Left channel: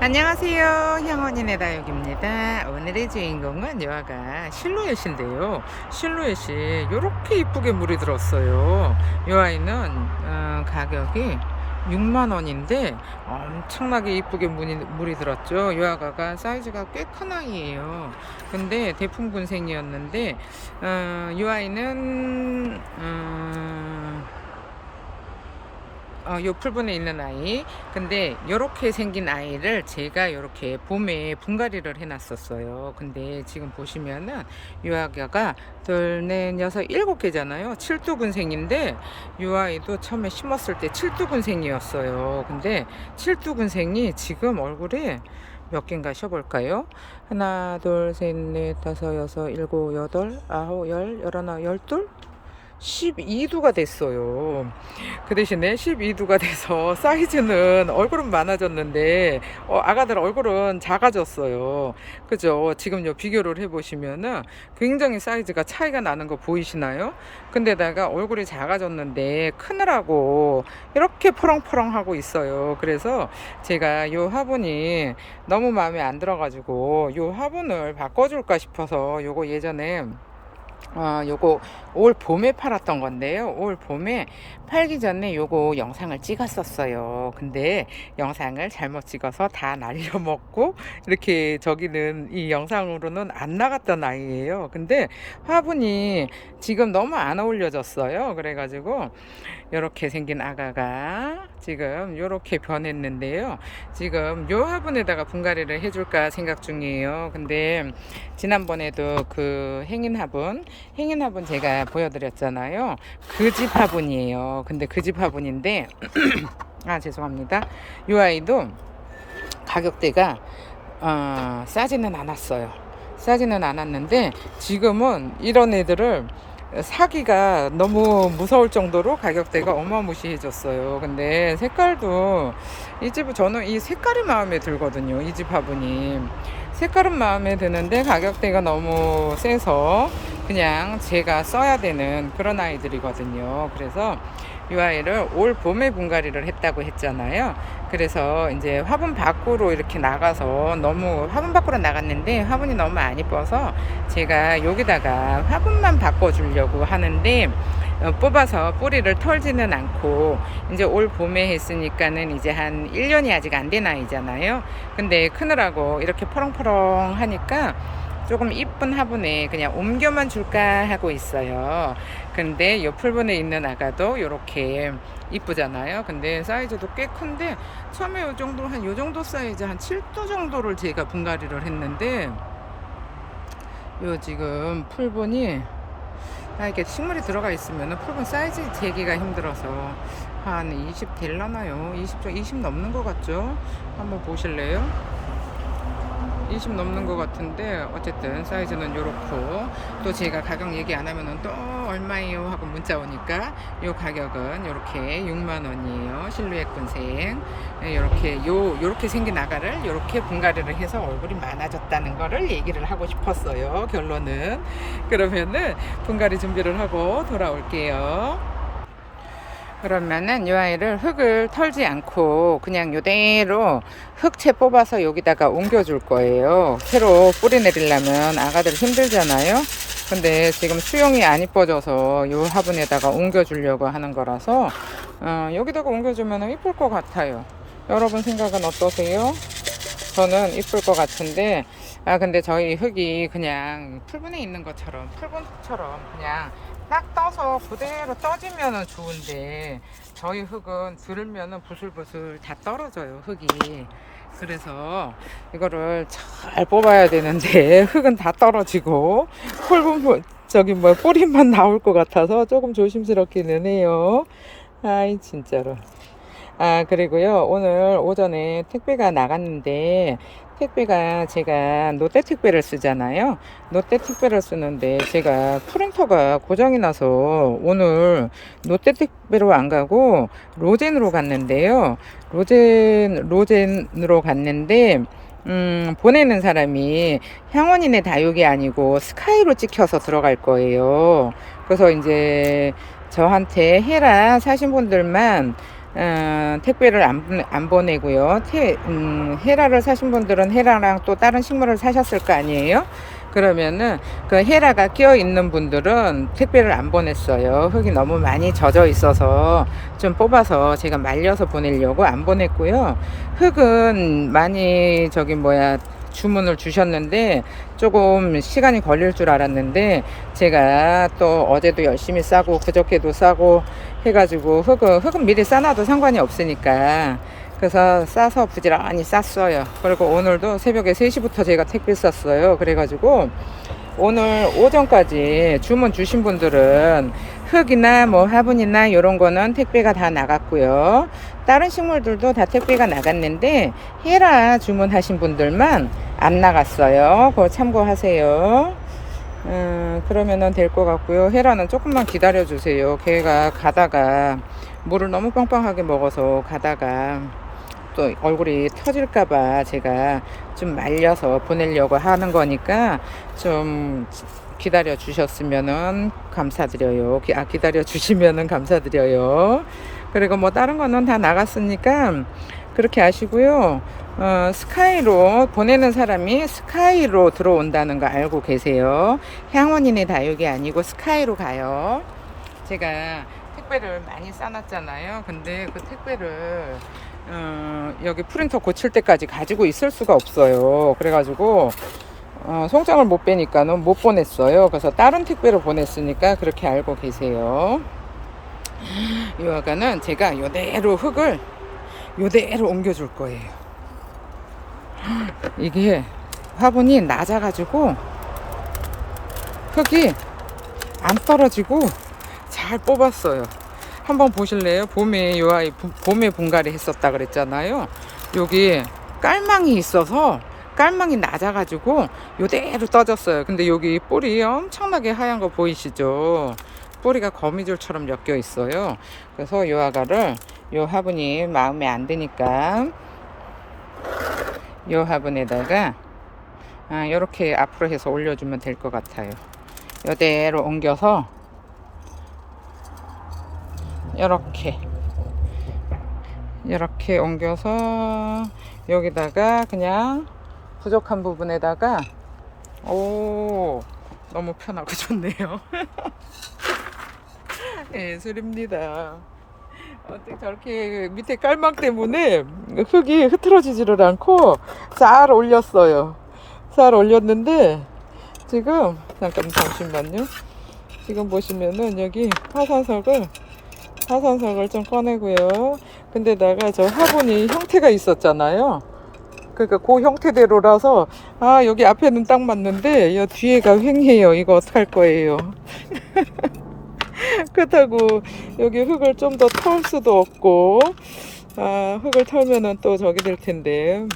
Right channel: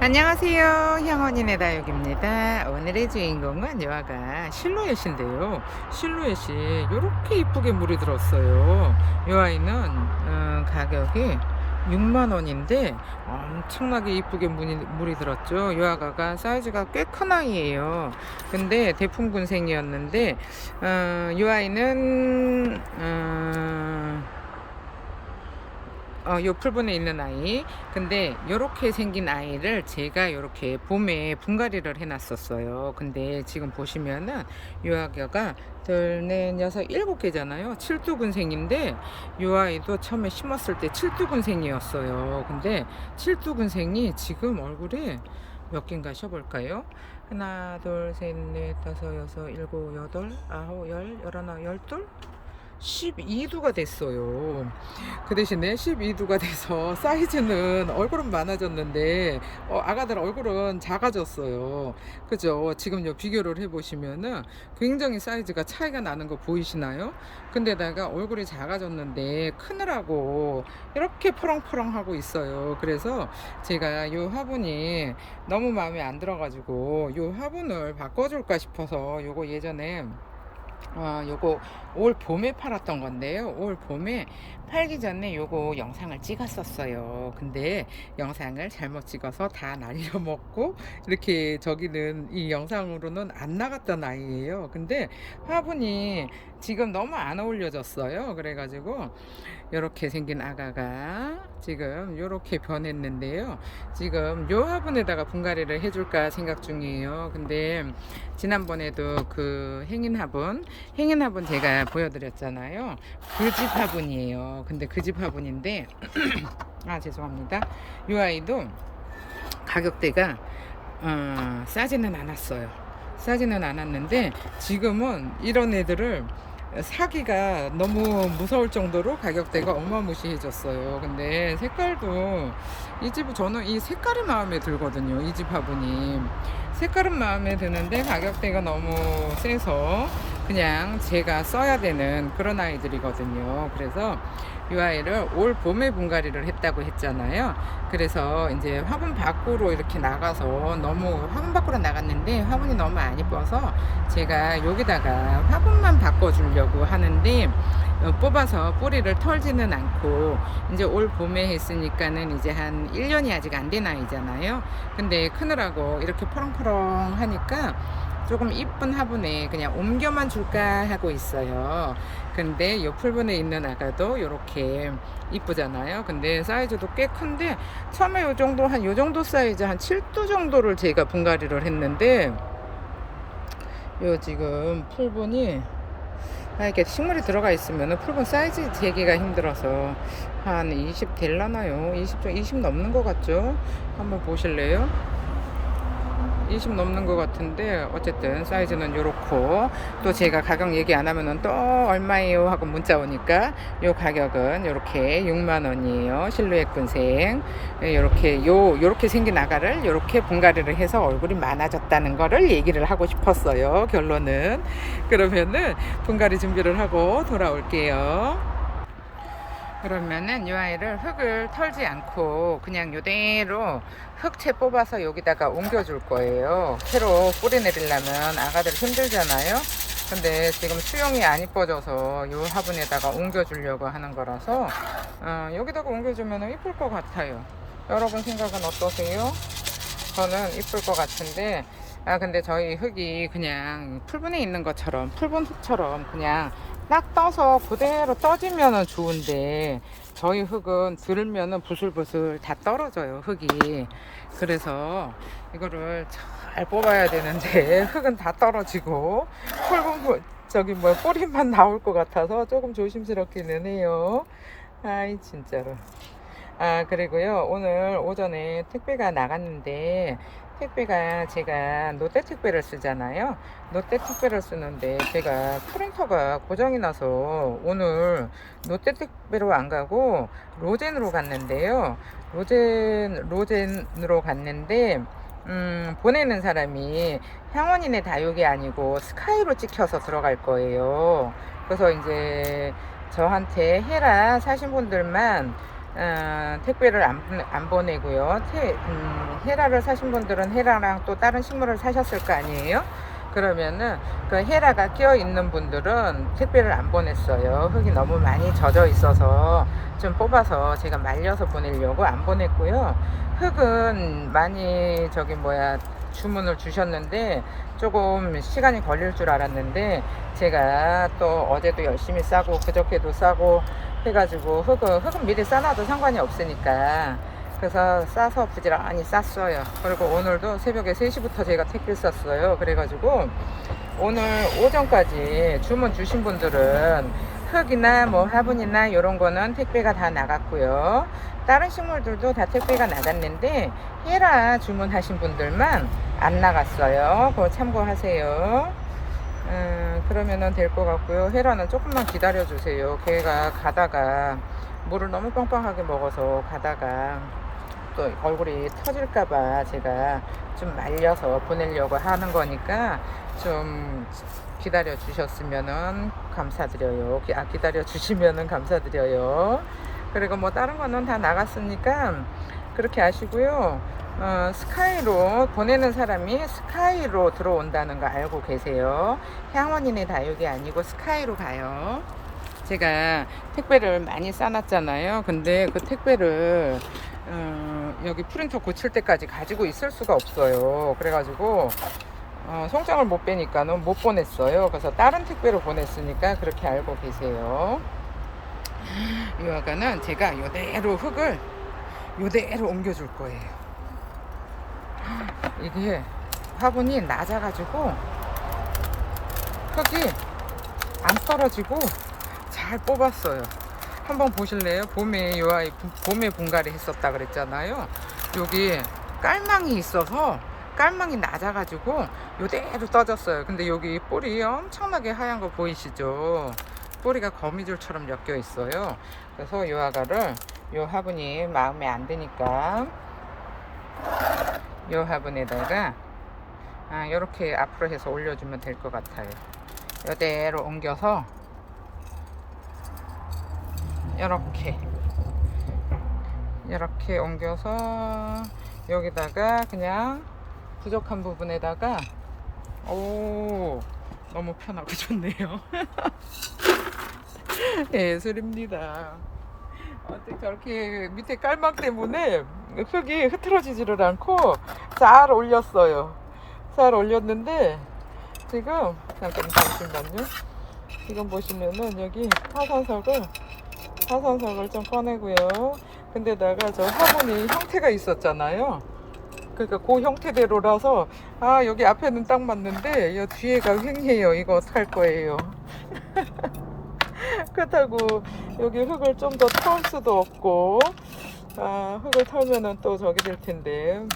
안녕하세요. 향원인의 다육입니다. 오늘의 주인공은 여아가 실루엣인데요. 실루엣이 이렇게 이쁘게 물이 들었어요. 이 아이는 어, 가격이 6만원인데 엄청나게 이쁘게 물이, 들었죠. 이 아가가 사이즈가 꽤 큰 아이예요. 근데 대풍군생이었는데 어, 이 아이는 어, 어, 요 풀분에 있는 아이. 근데 요렇게 생긴 아이를 제가 요렇게 봄에 분갈이를 해놨었어요. 근데 지금 보시면은 요 아기가 둘, 넷, 여섯, 일곱 개잖아요. 칠두근생인데 요 아이도 처음에 심었을 때 칠두근생이었어요. 근데 칠두근생이 지금 얼굴에 몇 개인가 쉬어볼까요? 하나, 둘, 셋, 넷, 다섯, 여섯, 일곱, 여덟, 아홉, 열, 열하나, 열둘? 12두가 됐어요. 그 대신에 12두가 돼서 사이즈는 얼굴은 많아졌는데 어, 아가들 얼굴은 작아졌어요. 그죠? 지금 요 비교를 해보시면은 굉장히 사이즈가 차이가 나는 거 보이시나요? 근데다가 얼굴이 작아졌는데 크느라고 이렇게 포렁포렁하고 있어요. 그래서 제가 요 화분이 너무 마음에 안 들어가지고 요 화분을 바꿔줄까 싶어서 요거 예전에 어, 요거 올 봄에 팔았던 건데요. 올 봄에 팔기 전에 요거 영상을 찍었었어요. 근데 영상을 잘못 찍어서 다 날려먹고 이렇게 저기는 이 영상으로는 안 나갔던 아이예요. 근데 화분이 지금 너무 안 어울려졌어요. 그래가지고 이렇게 생긴 아가가 지금 이렇게 변했는데요. 지금 요 화분에다가 분갈이를 해줄까 생각 중이에요. 근데 지난번에도 그 행인 화분, 행인 화분 제가 보여드렸잖아요. 그 집 화분이에요. 근데 그 집 화분인데 아 죄송합니다. 요 아이도 가격대가 어, 싸지는 않았어요. 싸지는 않았는데 지금은 이런 애들을 사기가 너무 무서울 정도로 가격대가 어마무시해졌어요. 근데 색깔도 이 집은 저는 이 색깔이 마음에 들거든요. 이 집 화분이 색깔은 마음에 드는데 가격대가 너무 세서 그냥 제가 써야 되는 그런 아이들이거든요. 그래서 이 아이를 올 봄에 분갈이를 했다고 했잖아요. 그래서 이제 화분 밖으로 이렇게 나가서 너무 화분 밖으로 나갔는데 화분이 너무 안 이뻐서 제가 여기다가 화분만 바꿔주려고 하는데 어, 뽑아서 뿌리를 털지는 않고 이제 올 봄에 했으니까는 이제 한 1년이 아직 안 된 아이잖아요. 근데 크느라고 이렇게 포렁포렁 하니까 조금 이쁜 화분에 그냥 옮겨만 줄까 하고 있어요. 근데 요 풀분에 있는 아가도 이렇게 이쁘잖아요. 근데 사이즈도 꽤 큰데 처음에 요 정도 한 요 정도 사이즈 한 7도 정도를 제가 분갈이를 했는데 요 지금 풀분이 아, 이렇게 식물이 들어가 있으면 풀분 사이즈 재기가 힘들어서 한 20 될라나요? 20, 좀- 20 넘는 것 같죠? 한번 보실래요? 20 넘는 것 같은데 어쨌든 사이즈는 요렇고 또 제가 가격 얘기 안 하면은 또 얼마예요? 하고 문자 오니까 요 가격은 요렇게 6만 원이에요. 실루엣 군생. 예, 요렇게 요 요렇게 생긴 아가를 요렇게 분갈이를 해서 얼굴이 많아졌다는 거를 얘기를 하고 싶었어요 결론은. 그러면은 분갈이 준비를 하고 돌아올게요 그러면은 이 아이를 흙을 털지 않고 그냥 요대로 흙채 뽑아서 여기다가 옮겨줄 거예요. 새로 뿌리 내리려면 아가들 힘들잖아요. 근데 지금 수영이 안 이뻐져서 요 화분에다가 옮겨주려고 하는 거라서 어, 여기다가 옮겨주면 이쁠 것 같아요. 여러분 생각은 어떠세요? 저는 이쁠 것 같은데 아 근데 저희 흙이 그냥 풀분에 있는 것처럼 풀분 흙처럼 그냥 딱 떠서 그대로 떠지면은 좋은데 저희 흙은 들으면은 부슬부슬 다 떨어져요 흙이. 그래서 이거를 잘 뽑아야 되는데 흙은 다 떨어지고 부- 저기 뭐 뿌리만 나올 것 같아서 조금 조심스럽기는 해요. 아이 진짜로. 아 그리고요 오늘 오전에 택배가 나갔는데 택배가 제가 롯데 택배를 쓰잖아요 롯데 택배를 쓰는데 제가 프린터가 고장이 나서 오늘 롯데 택배로 안 가고 로젠으로 갔는데요 로젠 로젠으로 갔는데 음, 보내는 사람이 향원인의 다육이 아니고 스카이로 찍혀서 들어갈 거예요. 그래서 이제 저한테 해라 사신 분들만 어, 택배를 안, 안 보내고요. 테, 음, 헤라를 사신 분들은 헤라랑 또 다른 식물을 사셨을 거 아니에요? 그러면은 그 헤라가 끼어 있는 분들은 택배를 안 보냈어요. 흙이 너무 많이 젖어 있어서 좀 뽑아서 제가 말려서 보내려고 안 보냈고요. 흙은 많이 저기 뭐야 주문을 주셨는데 조금 시간이 걸릴 줄 알았는데 제가 또 어제도 열심히 싸고 그저께도 싸고 해가지고 흙은 흙은 미리 싸놔도 상관이 없으니까 그래서 싸서 부지런히 쌌어요. 그리고 오늘도 새벽에 3시부터 제가 택배 쌌어요. 그래가지고 오늘 오전까지 주문 주신 분들은 흙이나 뭐 화분이나 이런 거는 택배가 다 나갔고요. 다른 식물들도 다 택배가 나갔는데 헤라 주문하신 분들만 안 나갔어요. 그거 참고하세요. 음, 그러면은 될 것 같고요. 헤라는 조금만 기다려 주세요. 걔가 가다가 물을 너무 빵빵하게 먹어서 가다가 또 얼굴이 터질까봐 제가 좀 말려서 보내려고 하는 거니까 좀 기다려 주셨으면은 감사드려요. 기- 아, 기다려 주시면은 감사드려요. 그리고 뭐 다른 거는 다 나갔으니까 그렇게 아시고요. 어, 스카이로 보내는 사람이 스카이로 들어온다는 거 알고 계세요. 향원인의 다육이 아니고 스카이로 가요. 제가 택배를 많이 싸놨잖아요. 근데 그 택배를 어, 여기 프린터 고칠 때까지 가지고 있을 수가 없어요. 그래가지고 어, 송장을 못 빼니까는 못 보냈어요. 그래서 다른 택배로 보냈으니까 그렇게 알고 계세요. 이 화가는 제가 요대로 흙을 요대로 옮겨줄 거예요. 이게 화분이 낮아가지고 흙이 안 떨어지고 잘 뽑았어요. 한번 보실래요? 봄에 요 아이 부- 봄에 분갈이 했었다 그랬잖아요. 여기 깔망이 있어서 깔망이 낮아가지고 요대로 떠졌어요. 근데 여기 뿌리 엄청나게 하얀 거 보이시죠? 뿌리가 거미줄처럼 엮여 있어요. 그래서 요 아가를 요 화분이 마음에 안 드니까 요 화분에다가 아, 이렇게 앞으로 해서 올려주면 될 것 같아요. 요대로 옮겨서 이렇게. 이렇게 옮겨서 여기다가 그냥 부족한 부분에다가 오 너무 편하고 좋네요. 예술입니다. 어떻게 저렇게 밑에 깔망 때문에 흙이 흐트러지지를 않고 잘 올렸어요. 잘 올렸는데 지금 잠깐 잠시만요. 지금 보시면은 여기 화산석을 화산석을 좀 꺼내고요. 근데다가 저 화분이 형태가 있었잖아요. 그러니까 그 형태대로라서 아 여기 앞에는 딱 맞는데 이 뒤에가 횡해요. 이거 어떡할 거예요. 그렇다고 여기 흙을 좀 더 털 수도 없고 아 흙을 털면은 또 저기 될 텐데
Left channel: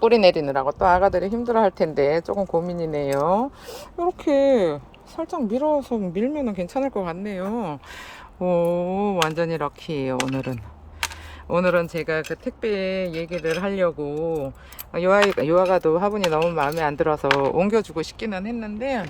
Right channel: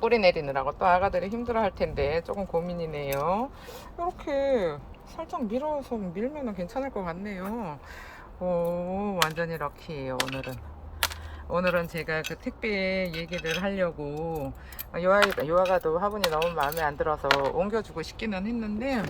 뿌리 내리느라고 또 아가들이 힘들어 할 텐데 조금 고민이네요. 이렇게 살짝 밀어서 밀면은 괜찮을 것 같네요. 오, 완전히 럭키예요, 오늘은. 오늘은 제가 그 택배 얘기를 하려고 요아이가 요아가도 화분이 너무 마음에 안 들어서 옮겨주고 싶기는 했는데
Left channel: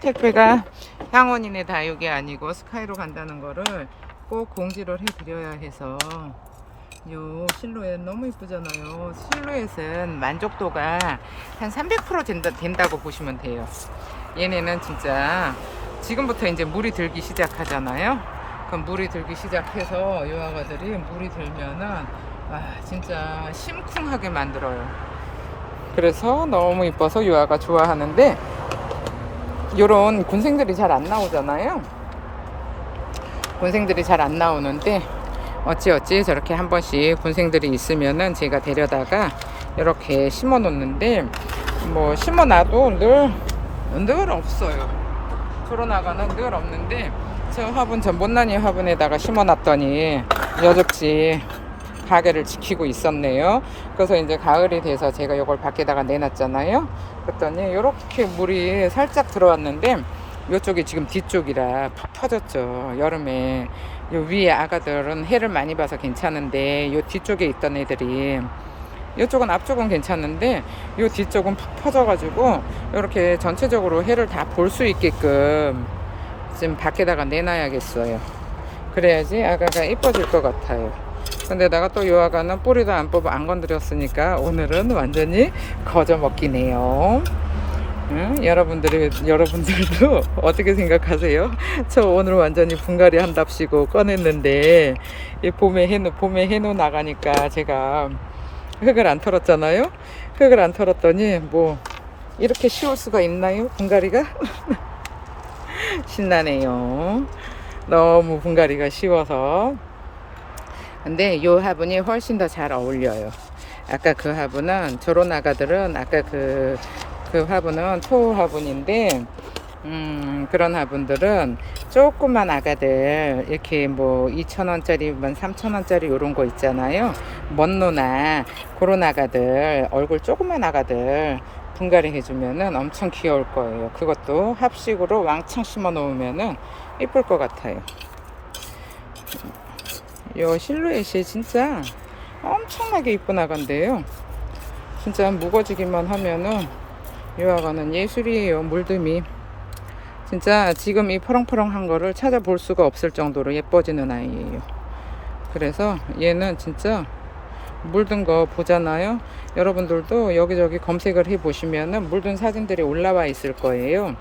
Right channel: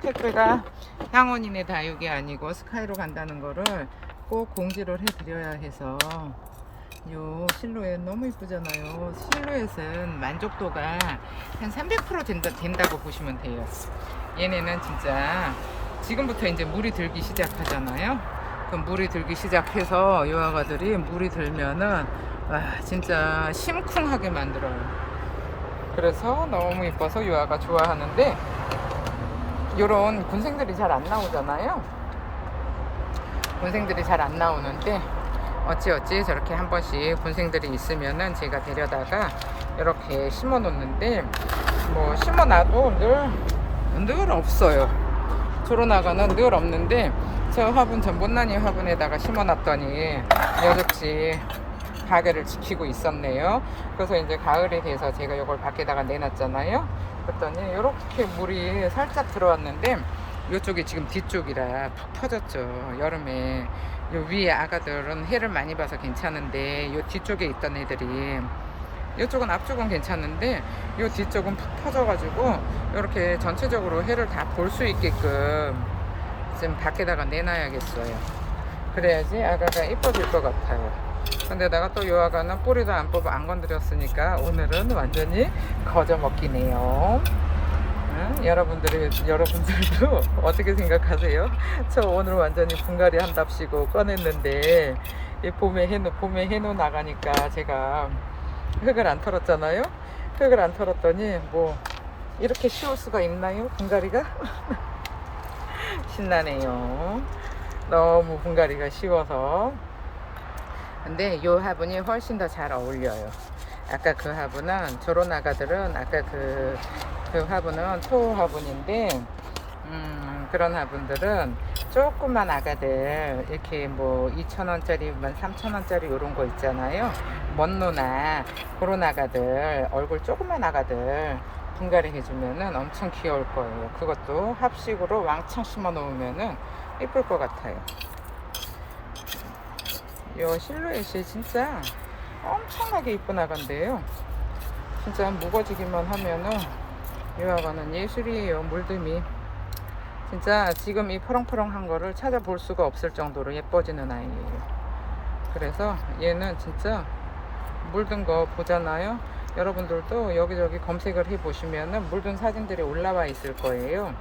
택배가 향원인의 다육이 아니고 스카이로 간다는 거를 꼭 공지를 해드려야 해서 요 실루엣 너무 이쁘잖아요. 실루엣은 만족도가 한 300% 된다, 된다고 보시면 돼요. 얘네는 진짜 지금부터 이제 물이 들기 시작하잖아요. 그럼 물이 들기 시작해서 요 아가들이 물이 들면은 와 진짜 심쿵하게 만들어요. 그래서 너무 이뻐서 요 아가 좋아하는데 요런 군생들이 잘 안 나오잖아요. 군생들이 잘 안 나오는데 어찌어찌 저렇게 한 번씩 군생들이 있으면은 제가 데려다가 이렇게 심어 놓는데 뭐 심어 놔도 늘, 늘 없어요. 주로나가는 늘 없는데 저 화분 전 못난이 화분에다가 심어 놨더니 여적지 가게를 지키고 있었네요. 그래서 이제 가을이 돼서 제가 이걸 밖에다가 내놨잖아요. 그랬더니 이렇게 물이 살짝 들어왔는데 이쪽이 지금 뒤쪽이라 팍 터졌죠. 여름에 요 위에 아가들은 해를 많이 봐서 괜찮은데 요 뒤쪽에 있던 애들이 이쪽은 앞쪽은 괜찮은데 요 뒤쪽은 푹 퍼져가지고 이렇게 전체적으로 해를 다 볼 수 있게끔 지금 밖에다가 내놔야겠어요. 그래야지 아가가 이뻐질 것 같아요. 근데 내가 또요 아가는 뿌리도 안 뽑아 안 건드렸으니까 오늘은 완전히 거저 먹기네요. 응? 여러분들이 여러분들도 어떻게 생각하세요? 저 오늘 완전히 분갈이 한답시고 꺼냈는데 이 봄에 해놓 봄에 해놓 나가니까 제가 흙을 안 털었잖아요. 흙을 안 털었더니 뭐 이렇게 쉬울 수가 있나요? 분갈이가 신나네요. 너무 분갈이가 쉬워서. 근데 요 화분이 훨씬 더 잘 어울려요. 아까 그 화분은 저런 아가들은 아까 그, 그 화분은 토우 화분인데, 음, 그런 화분들은 조그만 아가들, 이렇게 뭐 2,000원짜리, 뭐 3,000원짜리 이런 거 있잖아요. 먼노나, 그런 아가들, 얼굴 조그만 아가들, 분갈이 해주면은 엄청 귀여울 거예요. 그것도 합식으로 왕창 심어 놓으면은 이쁠 것 같아요. 요 실루엣이 진짜 엄청나게 이쁜 아가인데요. 진짜 무거지기만 하면은 요 아가는 예술이에요. 물듬이. 진짜 지금 이 퍼렁퍼렁한 거를 찾아볼 수가 없을 정도로 예뻐지는 아이예요. 그래서 얘는 진짜 물든 거 보잖아요. 여러분들도 여기저기 검색을 해 보시면은 물든 사진들이 올라와 있을 거예요.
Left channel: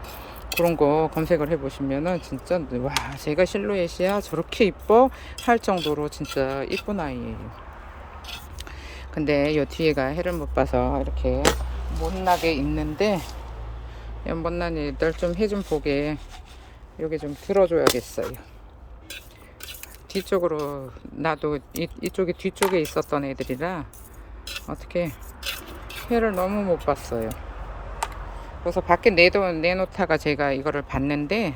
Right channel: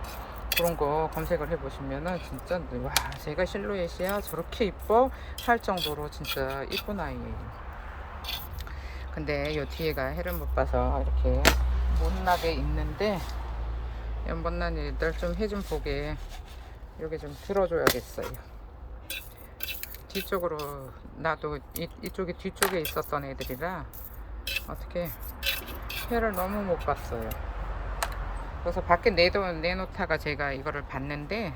그런 거 검색을 해 보시면은 진짜 와 제가 실루엣이야 저렇게 이뻐 할 정도로 진짜 이쁜 아이예요. 근데 요 뒤에가 해를 못 봐서 이렇게 못나게 있는데 이 못난 애들 좀해 좀 보게 여기 좀 들어줘야겠어요. 뒤쪽으로 나도 이, 이쪽이 뒤쪽에 있었던 애들이라 어떻게 해를 너무 못 봤어요. 그래서 밖에 내도 내놓다가 제가 이거를 봤는데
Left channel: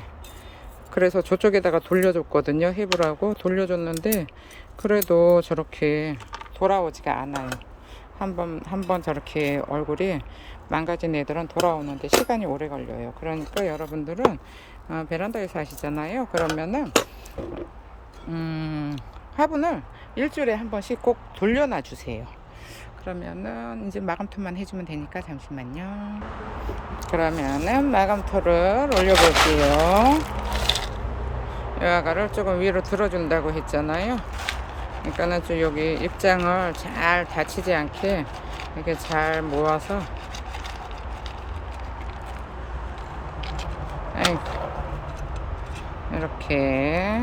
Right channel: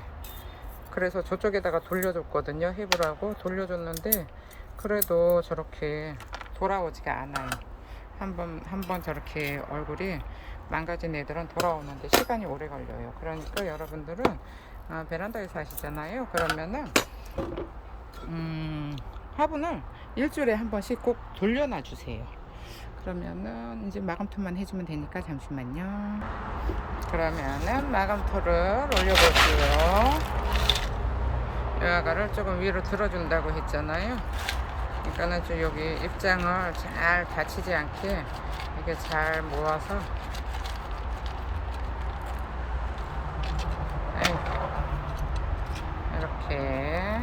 그래서 저쪽에다가 돌려줬거든요. 해보라고 돌려줬는데 그래도 저렇게 돌아오지가 않아요. 한번 한번 저렇게 얼굴이 망가진 애들은 돌아오는데 시간이 오래 걸려요. 그러니까 여러분들은 어, 베란다에서 하시잖아요. 그러면은 음, 화분을 일주일에 한 번씩 꼭 돌려놔 주세요. 그러면은 이제 마감토만 해주면 되니까 잠시만요. 그러면은 마감토를 올려볼게요. 여가를 조금 위로 들어준다고 했잖아요. 그러니까는 좀 여기 입장을 잘 다치지 않게 이렇게 잘 모아서 아이, 이렇게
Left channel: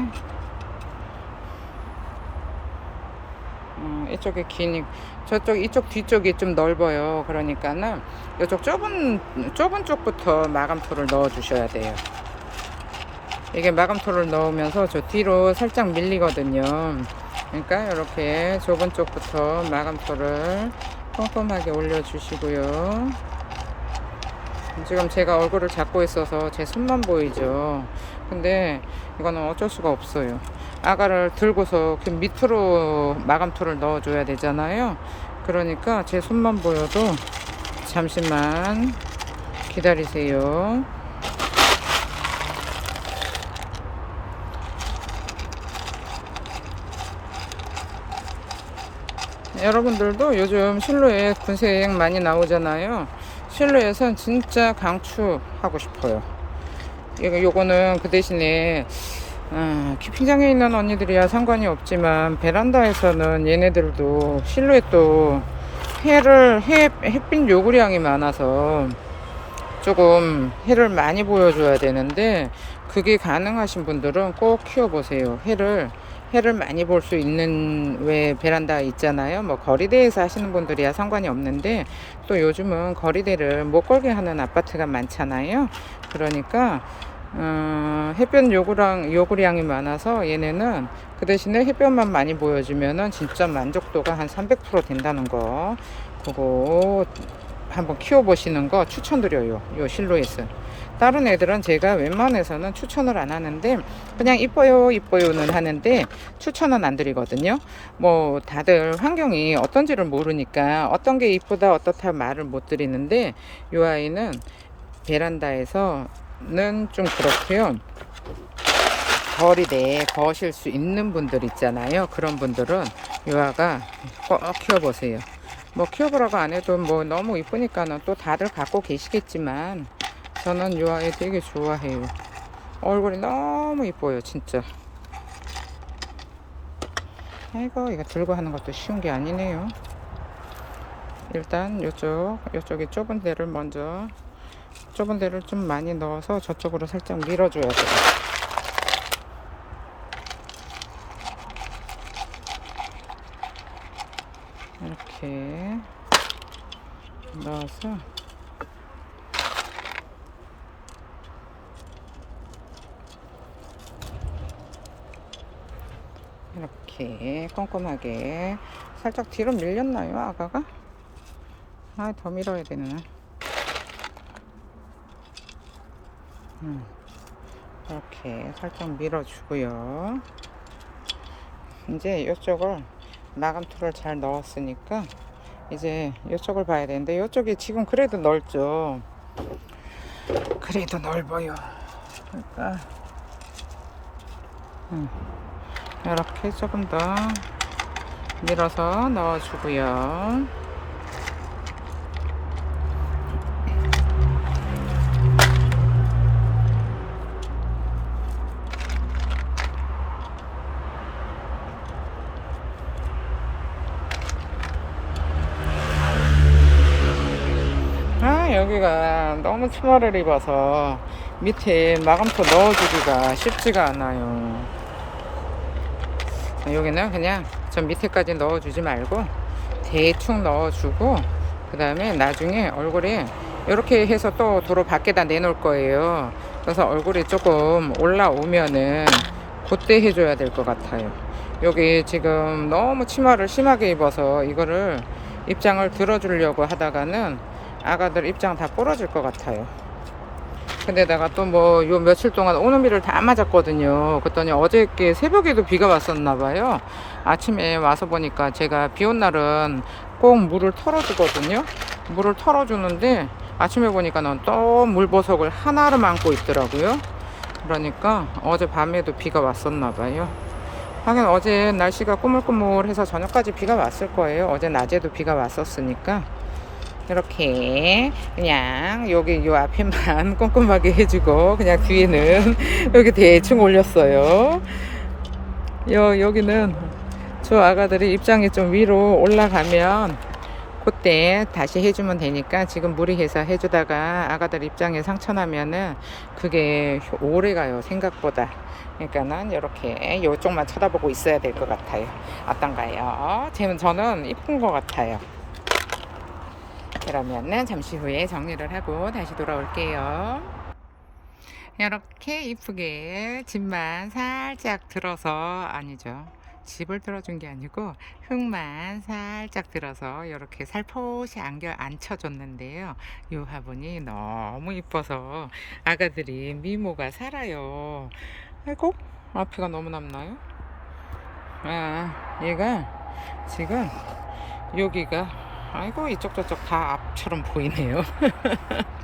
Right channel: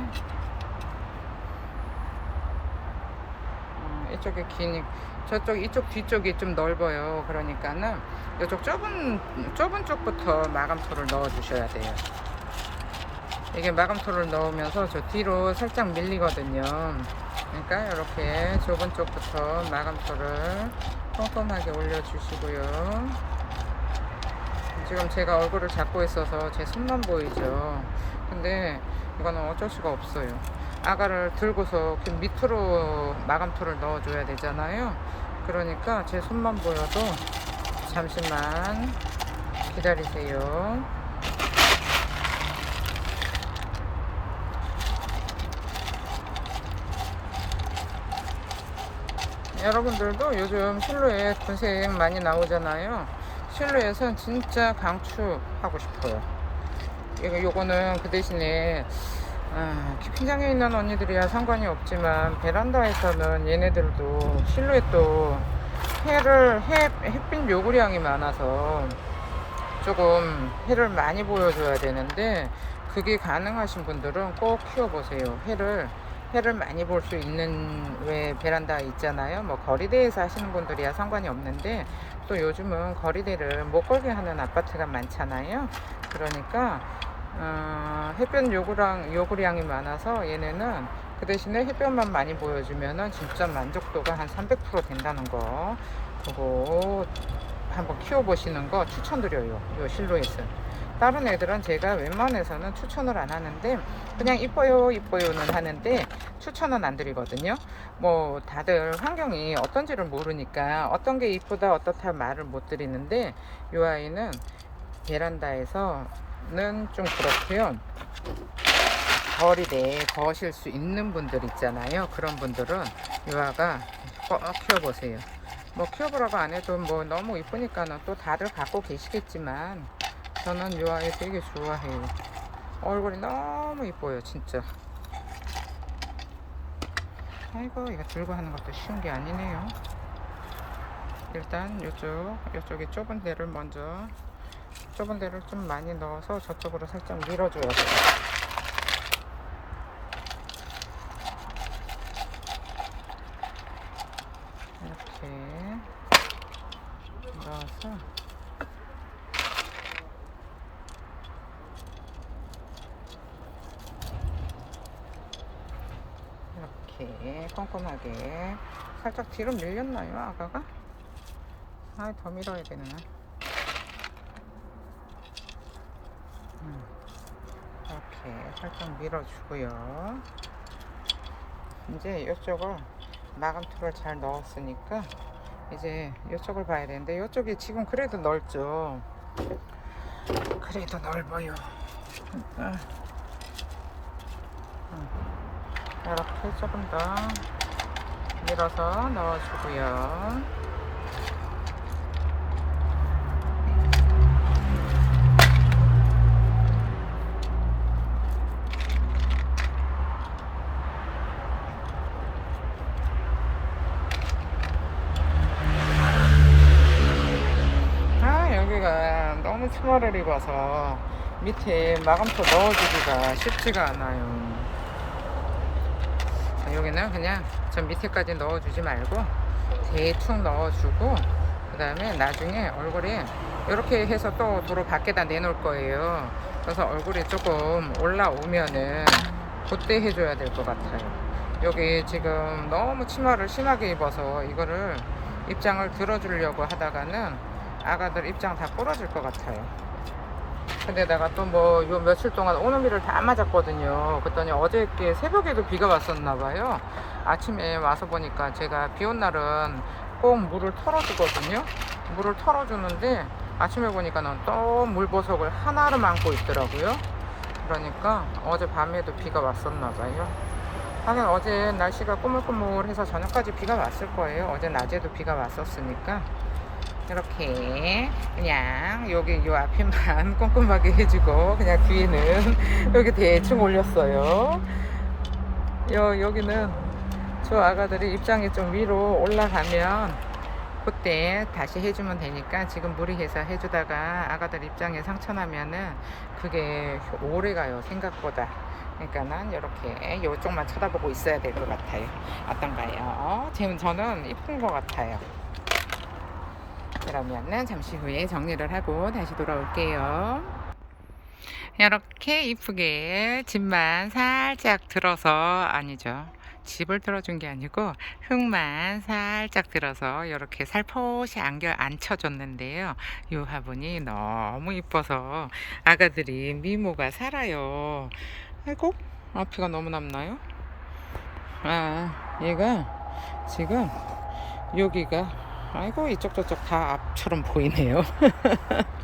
음, 이쪽에 기니 저쪽 이쪽 뒤쪽이 좀 넓어요. 그러니까는 이쪽 좁은 좁은 쪽부터 마감토를 넣어 주셔야 돼요. 이게 마감토를 넣으면서 저 뒤로 살짝 밀리거든요. 그러니까 이렇게 좁은 쪽부터 마감토를 꼼꼼하게 올려 주시고요. 지금 제가 얼굴을 잡고 있어서 제 손만 보이죠. 근데 이거는 어쩔 수가 없어요. 아가를 들고서 이렇게 밑으로 마감토를 넣어줘야 되잖아요. 그러니까 제 손만 보여도 잠시만 기다리세요. 여러분들도 요즘 실루엣 군색 많이 나오잖아요. 실루엣은 진짜 강추하고 싶어요. 이거 요거는 그 대신에 음, 키핑장에 있는 언니들이야 상관이 없지만 베란다에서는 얘네들도 실루엣도 해를 해, 햇빛 요구량이 많아서 조금 해를 많이 보여줘야 되는데 그게 가능하신 분들은 꼭 키워보세요. 해를 해를 많이 볼 수 있는 왜 베란다 있잖아요. 뭐 거리대에서 하시는 분들이야 상관이 없는데 또 요즘은 거리대를 못 걸게 하는 아파트가 많잖아요. 그러니까 음, 햇볕 요구량 요구량이 많아서 얘네는 그 대신에 햇볕만 많이 보여주면은 진짜 만족도가 한 300% 된다는 거 그거 한번 키워보시는 거 추천드려요. 요 실루엣은. 다른 애들은 제가 웬만해서는 추천을 안 하는데 그냥 이뻐요 이뻐요는 하는데 추천은 안 드리거든요. 뭐 다들 환경이 어떤지를 모르니까 어떤 게 이쁘다 어떻다 말을 못 드리는데 이 아이는 베란다에서는 좀 그렇고요. 거리대에 거실 수 있는 분들 있잖아요. 그런 분들은 이 아가 꼭 키워보세요. 뭐 키워보라고 안 해도 뭐 너무 이쁘니까는 또 다들 갖고 계시겠지만 저는 이 아이 되게 좋아해요. 얼굴이 너무 이뻐요, 진짜. 아이고 이거 들고 하는 것도 쉬운 게 아니네요 일단 요쪽 요쪽에 좁은 데를 먼저 좁은 데를 좀 많이 넣어서 저쪽으로 살짝 밀어줘야 돼요 이렇게 넣어서 이렇게 꼼꼼하게 살짝 뒤로 밀렸나요 아가가? 아 더 밀어야 되나 음, 이렇게 살짝 밀어주고요. 이제 이쪽을 나감틀을 잘 넣었으니까 이제 이쪽을 봐야 되는데 이쪽이 지금 그래도 넓죠? 그래도 넓어요. 그러니까 음, 이렇게 조금 더 밀어서 넣어주고요. 아 여기가 너무 치마를 입어서 밑에 마감토 넣어주기가 쉽지가 않아요 여기는 그냥 저 밑에까지 넣어주지 말고 대충 넣어주고 그 다음에 나중에 얼굴에 이렇게 해서 또 도로 밖에다 내놓을 거예요. 그래서 얼굴이 조금 올라오면은 그때 해줘야 될 것 같아요. 여기 지금 너무 치마를 심하게 입어서 이거를 입장을 들어주려고 하다가는 아가들 입장 다 부러질 것 같아요 근데다가 또 뭐 요 며칠 동안 오늘비를 다 맞았거든요. 그랬더니 어저께 새벽에도 비가 왔었나 봐요. 아침에 와서 보니까 제가 비 온 날은 꼭 물을 털어주거든요. 물을 털어주는데 아침에 보니까는 또 물보석을 하나를 안고 있더라고요. 그러니까 어제 밤에도 비가 왔었나 봐요. 하긴 어제 날씨가 꾸물꾸물해서 저녁까지 비가 왔을 거예요. 어제 낮에도 비가 왔었으니까. 이렇게 그냥 여기 요 앞에만 꼼꼼하게 해주고 그냥 뒤에는 여기 대충 올렸어요. 여 여기는 저 아가들이 입장이 좀 위로 올라가면 그때 다시 해주면 되니까 지금 무리해서 해주다가 아가들 입장에 상처 나면은 그게 오래 가요 생각보다 그러니까는 이렇게 요쪽만 쳐다보고 있어야 될 것 같아요 어떤가요? 지금 저는 이쁜 것 같아요 그러면은 잠시 후에 정리를 하고 다시 돌아올게요. 이렇게 이쁘게 집만 살짝 들어서 아니죠. 집을 들어준 게 아니고 흙만 살짝 들어서 이렇게 살포시 안겨 앉혀줬는데요. 이 화분이 너무 이뻐서 아가들이 미모가 살아요. 아이고 앞이가 너무 남나요? 아 얘가 지금 여기가 아이고 이쪽 저쪽 다 앞처럼 보이네요.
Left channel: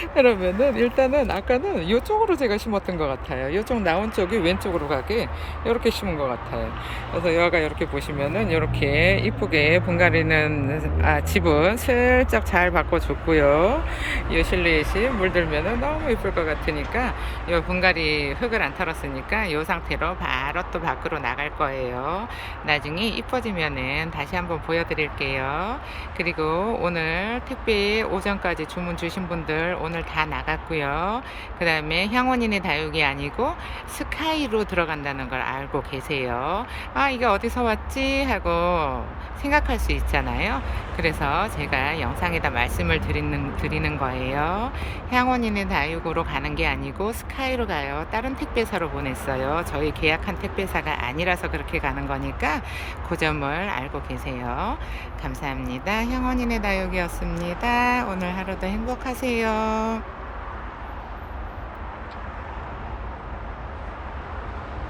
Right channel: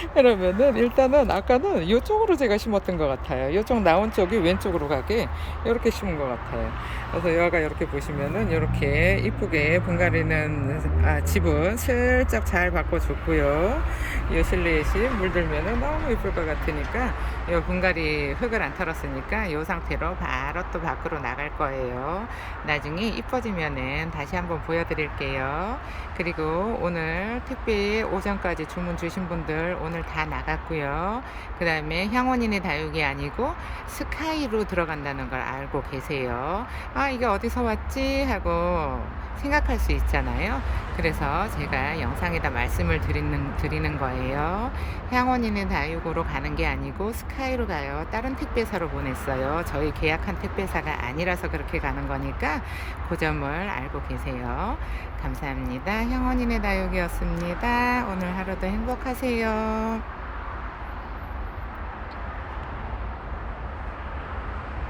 그러면은 일단은 아까는 이쪽으로 제가 심었던 것 같아요. 이쪽 나온 쪽이 왼쪽으로 가게 이렇게 심은 것 같아요. 그래서 여가 이렇게 보시면은 이렇게 이쁘게 분갈이는 아, 집은 슬쩍 잘 바꿔줬고요. 이 실내시 물들면은 너무 이쁠 것 같으니까 이 분갈이 흙을 안 털었으니까 이 상태로 바로 또 밖으로 나갈 거예요. 나중에 이뻐지면은 다시 한번 보여드릴게요. 그리고 오늘 택배 오전까지 주문 주신 분들 오늘 다 나갔고요. 그 다음에 향원인의 다육이 아니고 스카이로 들어간다는 걸 알고 계세요. 아, 이게 어디서 왔지? 하고 생각할 수 있잖아요. 그래서 제가 영상에다 말씀을 드리는, 드리는 거예요. 향원인의 다육으로 가는 게 아니고 스카이로 가요. 다른 택배사로 보냈어요. 저희 계약한 택배사가 아니라서 그렇게 가는 거니까 그 점을 알고 계세요. 감사합니다. 향원인의 다육이었습니다. 오늘 하루도 행복하세요. Paalam.